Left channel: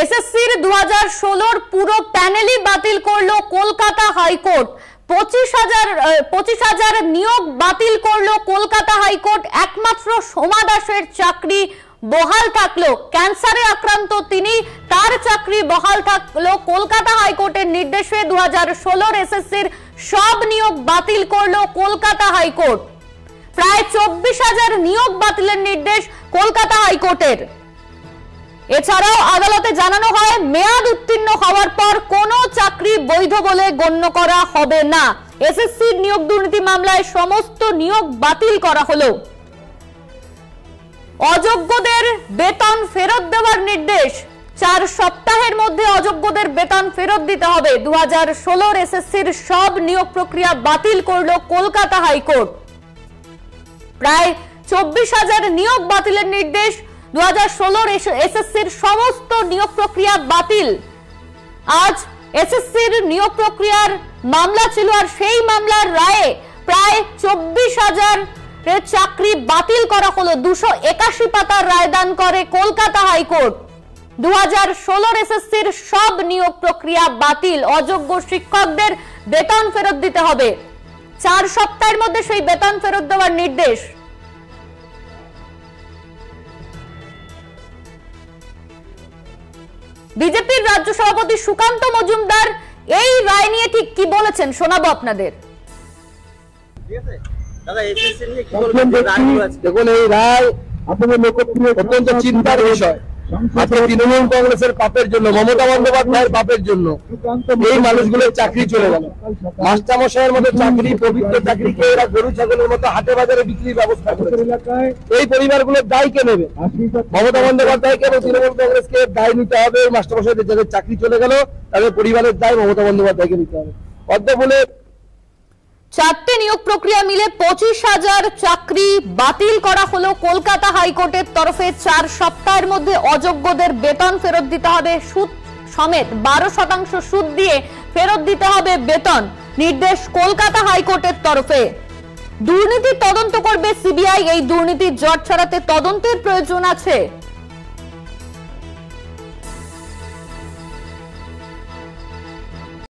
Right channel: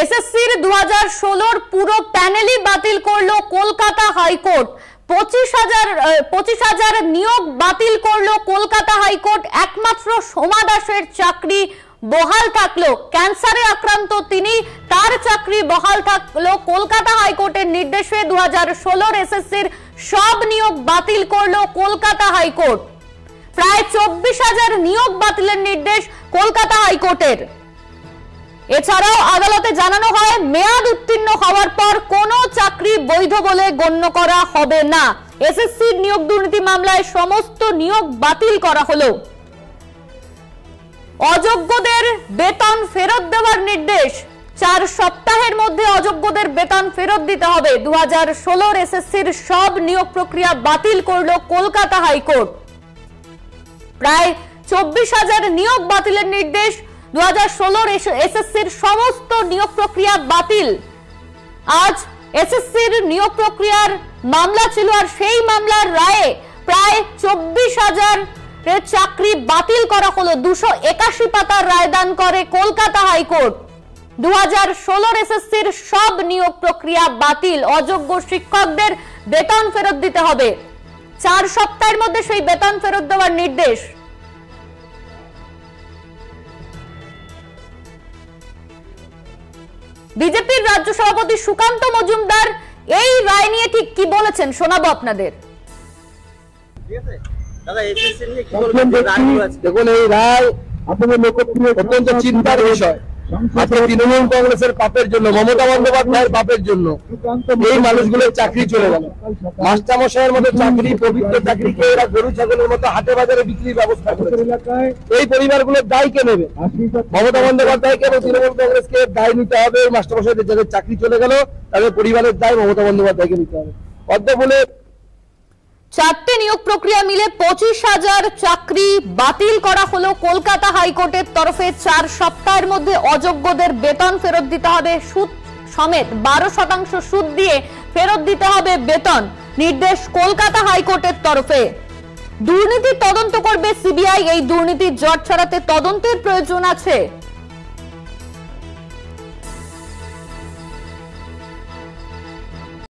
এসএসসির 2016 পুরো প্যানেলই বাতিল করলো কলকাতা হাইকোর্ট। 25,000 নিয়োগ বাতিল করলো কলকাতা হাইকোর্ট। একমাত্র সোমা দাসের চাকরি বহাল থাকলো। ক্যান্সারে আক্রান্ত তিনি, তার চাকরি বহাল থাকলো। কলকাতা হাইকোর্টের নির্দেশে 2016 এসএসসির সব নিয়োগ বাতিল করলো কলকাতা হাইকোর্ট। প্রায় 24,000 নিয়োগ বাতিলের নির্দেশ কলকাতা হাইকোর্টের। এছাড়াও আদালতে জানানো হয় মেয়াদ উত্তীর্ণ হওয়ার পর কোনো চাকরি বৈধ বলে গণ্য করা হবে না। এসএসসির নিয়োগ দুর্নীতি মামলায় সমস্ত নিয়োগ বাতিল করা হলো। অযোগ্যদের বেতন ফেরত দেওয়ার নির্দেশ। 4 সপ্তাহের মধ্যে অযোগ্যদের বেতন ফেরত দিতে হবে। 2016 এসএসসির সব নিয়োগ প্রক্রিয়া বাতিল করলো কলকাতা হাইকোর্ট। প্রায় 24,000 নিয়োগ বাতিলের নির্দেশ। 2016 এসএসসির সমস্ত নিয়োগ প্রক্রিয়া বাতিল। আজ এসএসসির নিয়োগ প্রক্রিয়ার মামলা ছিল, আর সেই মামলার রায়ে প্রায় 24,000 চাকরি বাতিল করা হলো। 281 পাতার রায়দান করে কলকাতা হাইকোর্ট। 2016 এসএসসির সব নিয়োগ প্রক্রিয়া বাতিল। অযোগ্য শিক্ষকদের বেতন ফেরত দিতে হবে। 4 সপ্তাহের মধ্যে সেই বেতন ফেরত দেওয়ার নির্দেশ। বিজেপির রাজ্য সভাপতি সুকান্ত মজুমদার এই রায় নিয়ে ঠিক কি বলেছেন শোনাবো আপনাদের। দেখুন, এই রায় আপনাদের অত্যন্ত চিন্তার বিষয়। তৃণমূল কংগ্রেসের পাপের জন্য, মমতা বন্দ্যোপাধ্যায়ের পাপের জন্য এই মানুষগুলোর চাকরি চলে গেল। মাস্টারমশাইয়ের মতো চাকরি, পবিত্র চাকরিকে এরা গরু ছাগলের মতো হাটে বাজারে বিক্রির ব্যবস্থা করেছে। এই পরিবারগুলোর দায় কে নেবে? মমতা বন্দ্যোপাধ্যায়কে এবং তৃণমূল কংগ্রেসকে দায় নিতে হবে। এই মাস্টারমশাইদের যাদের চাকরি চলে গেল তাদের পরিবারের দায় মমতা বন্দ্যোপাধ্যায়কে নিতে হবে। অদ্যবলে 4টে নিয়োগ প্রক্রিয়া মিলে 25,000 চাকরি বাতিল করা হলো কলকাতা হাইকোর্টের তরফে। 4 সপ্তাহের মধ্যে অযোগ্যদের বেতন ফেরত দিতে হবে। সুদ সমেত 12% সুদ দিয়ে ফেরত দিতে হবে বেতন। নির্দেশ কলকাতা হাইকোর্টের তরফে। দুর্নীতি তদন্ত করবে সিবিআই। এই দুর্নীতির জট ছড়াতে তদন্তের প্রয়োজন আছে।